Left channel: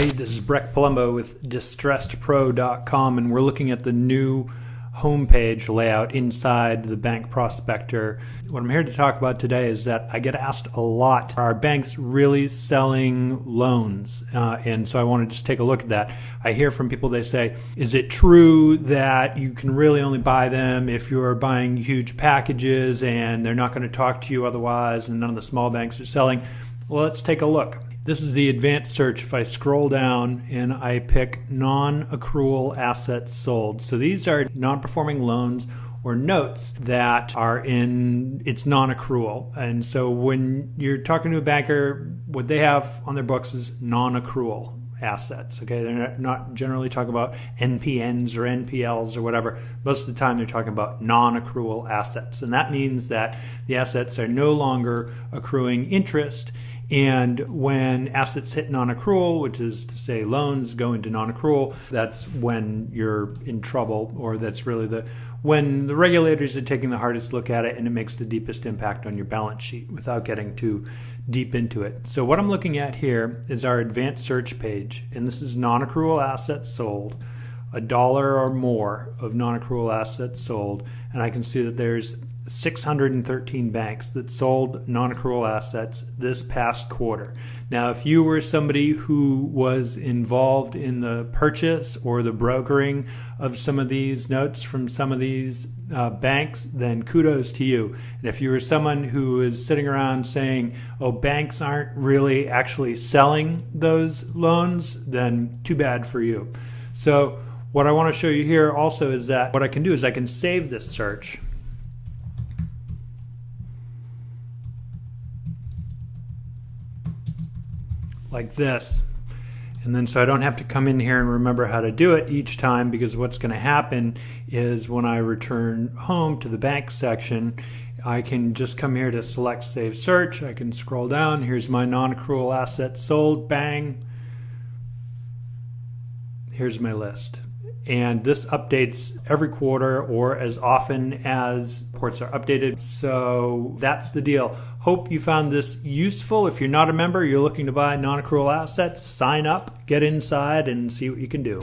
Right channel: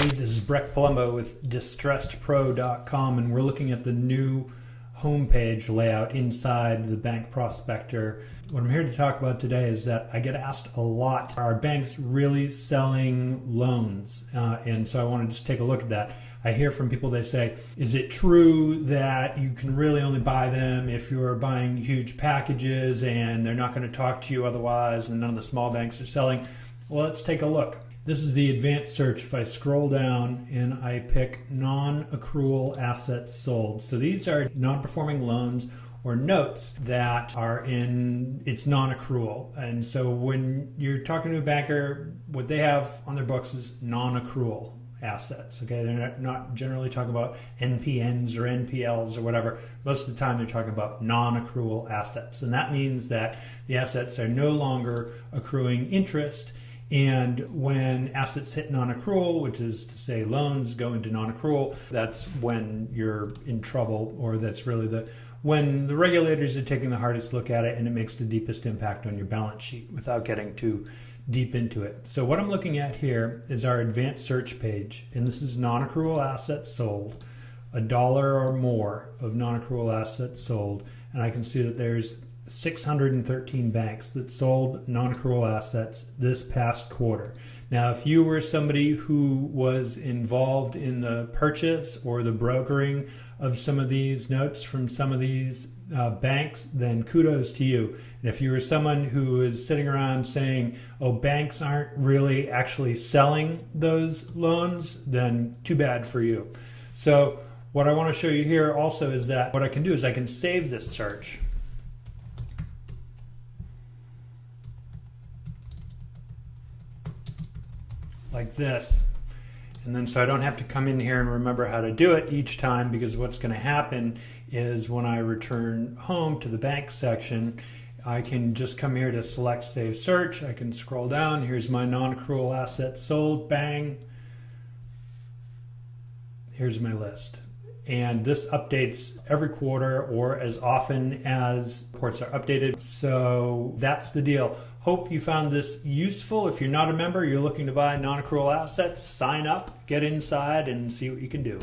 Hey, this is Breck Palumbo with DistressedPro.com, and we're looking at the new homepage layout inside the Bank Prospector. What I'm here to talk about today is that I get asked a lot, are banks really selling loans? And so I want to just take a look at that. I hear from people, they say, is it true that you can really only buy them if you're buying huge packages and they're not going to talk to you otherwise, and none of the small banks are selling? Well, let's take a look. This is the advanced search. If I scroll down and I pick non-accrual assets sold. So these are non-performing loans or notes that are in its non-accrual. And so when you're talking to a banker, what they have on their books is non-accrual assets. Okay, they're not generally talking about NPNs or NPLs or whatever. Most of the time they're talking about non-accrual assets. And that means that the assets are no longer accruing interest. And when assets hit non-accrual, which is to say loans go into non-accrual, that's when you're in trouble, or that's really when the regulators are taking the hardest look at it and it makes the deepest impact on your balance sheet without getting too deep into it. So what I'm looking at here is our advanced search page, and this is non-accrual assets sold, $1 or more of non-accrual assets sold, and I can see that there's 613 banks that sold non-accrual assets this past quarter. Now, if you were somebody who was involved in the purchase or the brokering of some of these notes from some of these banks, then kudos to you. And if you were someone who is sitting around saying, oh, banks aren't really actually selling those loans, then too bad for you. So what I want to show you here also is that what I can do is I can save this search. Like this, and then so I don't have to come in here and remember how to do it each time, because what's going to happen is when I return home to the bank section, I can just come here to select save search. I can scroll down. Here's my non-accrual assets sold. Bang. Here's my list. And this updates every quarter or as often as reports are updated. So that's the deal. Hope you found this useful. If you're not a member, you're looking to buy non-accrual assets, sign up, get inside, and see what you can do.